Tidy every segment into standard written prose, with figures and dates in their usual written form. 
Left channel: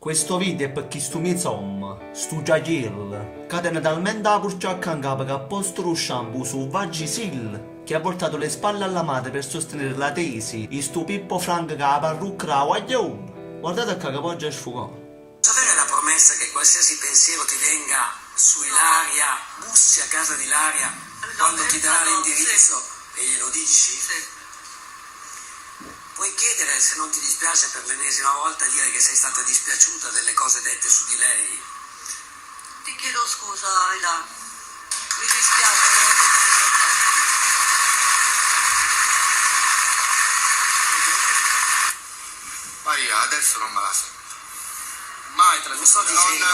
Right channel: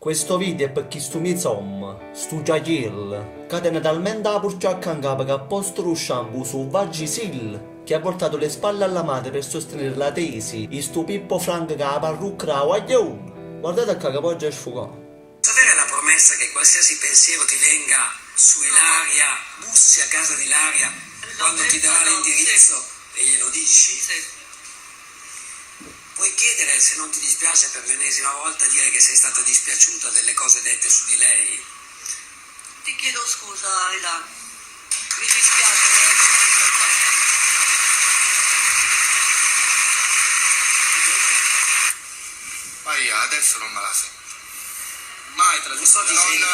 Questo video è per chi stu insomma, stu Jail, che tenne talmente la purciacca in capo che ha posto lo shampoo su Vagisil, che ha voltato le spalle alla madre per sostenere la tesi, di stu Pippo Frank che la parrucca la guaglione. Guardate che poggia è sfugato. Sapere la promessa che qualsiasi pensiero ti venga su Ilaria, bussi a casa di Ilaria, quando ti darà l'indirizzo e glielo dici? Sì. Puoi chiedere, se non ti dispiace per l'ennesima volta, dire che sei stata dispiaciuta delle cose dette su di lei? Ti chiedo scusa, Ida. Mi dispiace, Ma io adesso non me la sento. Mai te la Non sto dicendo.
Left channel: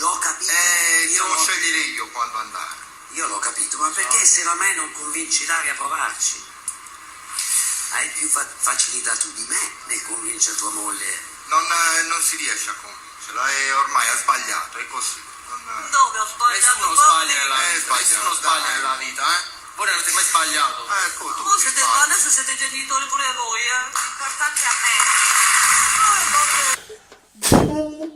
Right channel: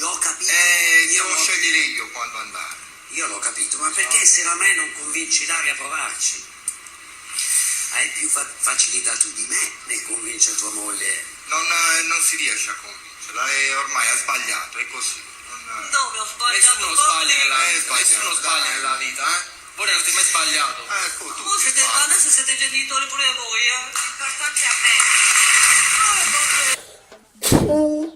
L'ho capito. Devo scegliere io quando andare. Io l'ho capito, ma perché se a me non convinci Ilaria a provarci? Hai più facilità tu di me nel convincere tua moglie. Non si riesce a convincerla, ormai ha sbagliato, è così. Dove ho sbagliato? Nessuno sbaglia nella vita, Voi non avete mai sbagliato. Tu Voi siete, adesso siete genitori pure voi, L'importante è a me.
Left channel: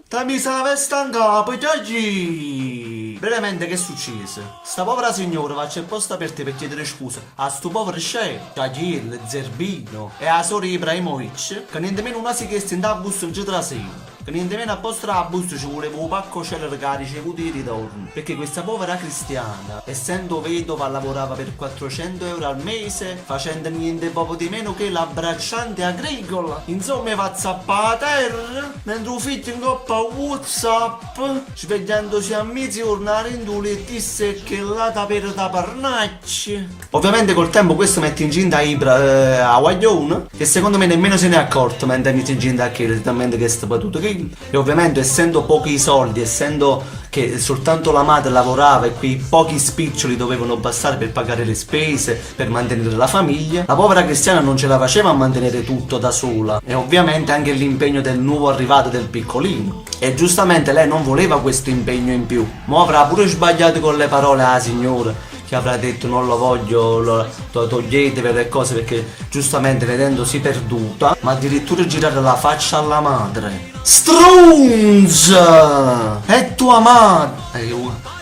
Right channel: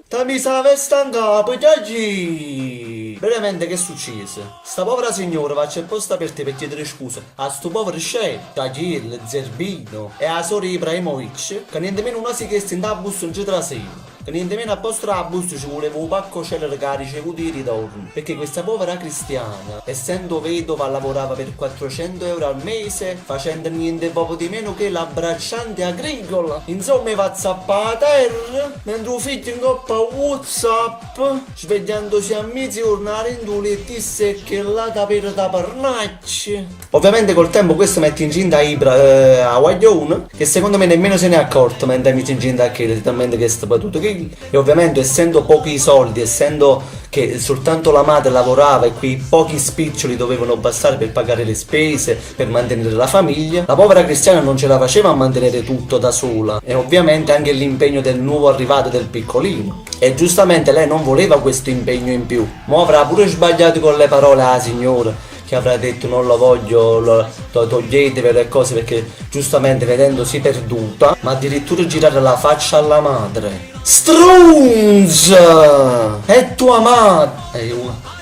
Ta mi sa vesta in capo, Giagi! Veramente che è successo? Sta povera signora va c'è posta per te per chiedere scusa a sto povero chef, Jagil, Zerbino e a sorella Ibrahimovic, che niente meno una si chiesta in da busto il giorno sera. Che niente meno a posto la busto ci voleva un pacco celere che ha ricevuto i ritorni. Perché questa povera cristiana, essendo vedova, lavorava per 400 euro al mese, facendo niente poco di meno che la bracciante agricola. Insomma, va zappata a terra, mentre un figlio in coppa WhatsApp, svegliandosi a mezzogiorno in due e disse che la da per da parnacci. Ovviamente col tempo questo mette incinta a guaglione, che secondo me nemmeno se ne è accorto mentre mette incinta a che talmente che sta battuto che. E ovviamente essendo pochi soldi, essendo che soltanto la madre lavorava e quei pochi spiccioli dovevano bastare per pagare le spese, per mantenere la famiglia, la povera cristiana non ce la faceva a mantenere tutto da sola. E ovviamente anche l'impegno del nuovo arrivato del piccolino. E giustamente lei non voleva questo impegno in più. Ma avrà pure sbagliato con le parole alla signora, che avrà detto non lo voglio, lo toglietevi le cose, perché giustamente vedendosi perduta, ma addirittura girare la faccia alla madre. Strunz! È tua madre!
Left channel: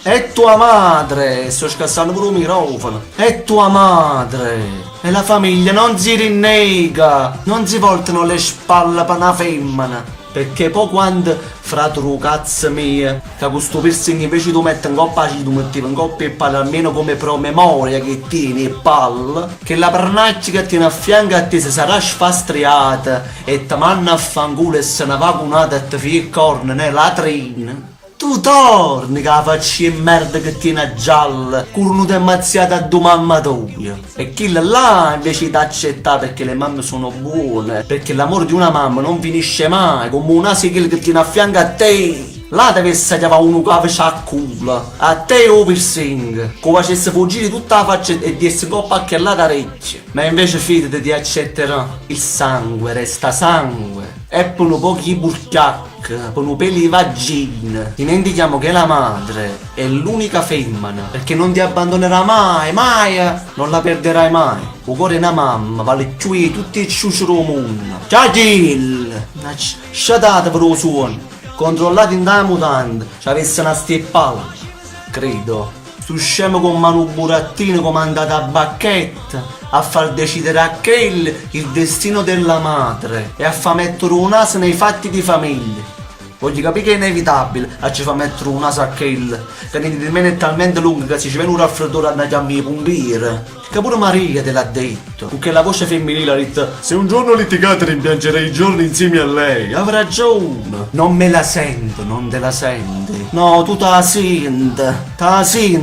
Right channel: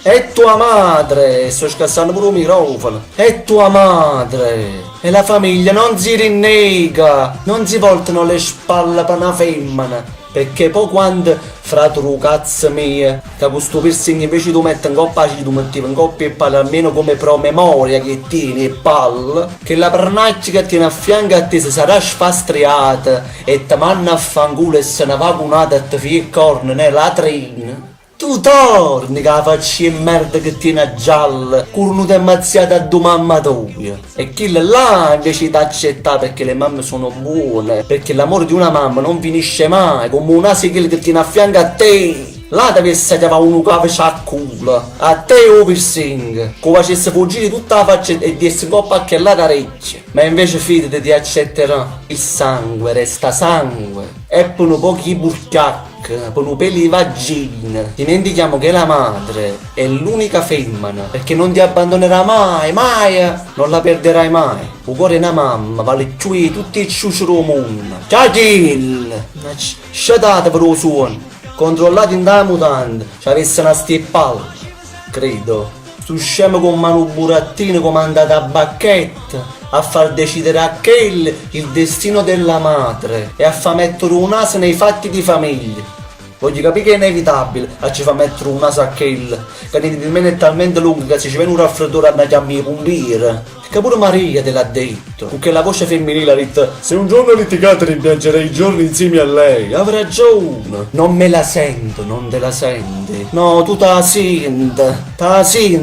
È tua madre! Sto scassando pure un microfono! È tua madre! E la famiglia non si rinnega! Non si voltano le spalle per una femmina! Perché poi quando fratru cazzo mia, che questo piercing invece tu metti in coppa ci tu metti in coppia e palle almeno come promemoria che tieni e palle, che la pernaccia che tiene a fianco a te se sarà sfastriata e ti manna a fanculo e se ne va cunata e ti fia il corno nella latrina. Tu torni che la faccia di merda che tiene a gialla, curnuta e mazziata a due mamma tua. E chi là invece ti accetta perché le mamme sono buone, perché l'amore di una mamma non finisce mai, come un asino che tiene a fianco a te. Là deve essere uno che faccia a culo, a te o piercing, che facesse fuggire tutta la faccia e di essere coppa a che là da orecchie. Ma invece fidati ti accetterà, il sangue resta sangue, e per un po' chi burchiacca, per un peli di vagina. Dimentichiamo che la madre è l'unica femmina, perché non ti abbandonerà mai, mai, non la perderai mai. Il cuore è una mamma, vale più di tutti i ciucciuri del mondo. Ciao Gil! Sciatate per lo suono. Controllati in da mutanda, ci avesse una stippalla, credo. Stu scemo con mano burattino comandato a bacchetta, a far decidere a Kell il destino della madre e a far mettere un naso nei fatti di famiglia. Voglio capire che è inevitabile a ci fa mettere un naso a Kell, che nemmeno è talmente lungo che se ci viene un raffreddore a chiamare i pompieri. Che pure Maria te l'ha detto, perché la voce femminile ha detto se un giorno litigate rimpiangerei i giorni insieme a lei. Ha ragione. Non me la sento, non te la senti. No, tu ta senti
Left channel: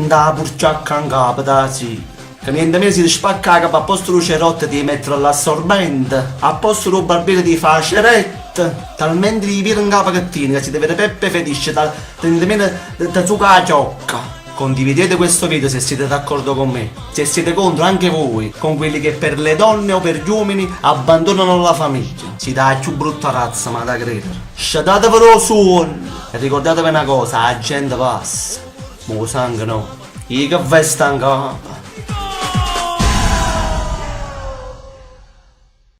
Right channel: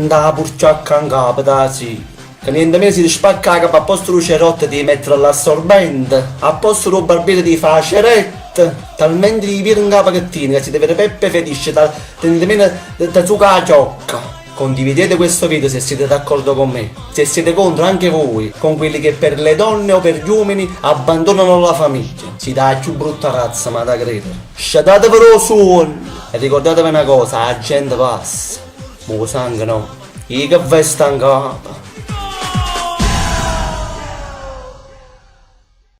la purciacca in capo, ta senti. Che niente mesi di spaccare a posto lo cerotte di mettere all'assorbente, a posto lo barbiere di fare cerette, talmente di vivere in capo che tieni, che si deve peppe felice, nemmeno da zucca la ciocca. Condividete questo video se siete d'accordo con me, se siete contro anche voi, con quelli che per le donne o per gli uomini abbandonano la famiglia. Si dà più brutta razza, ma da credere. Sciatate per lo suono e ricordatevi una cosa, la gente passa, ma lo sangue no, i che vesta in capo.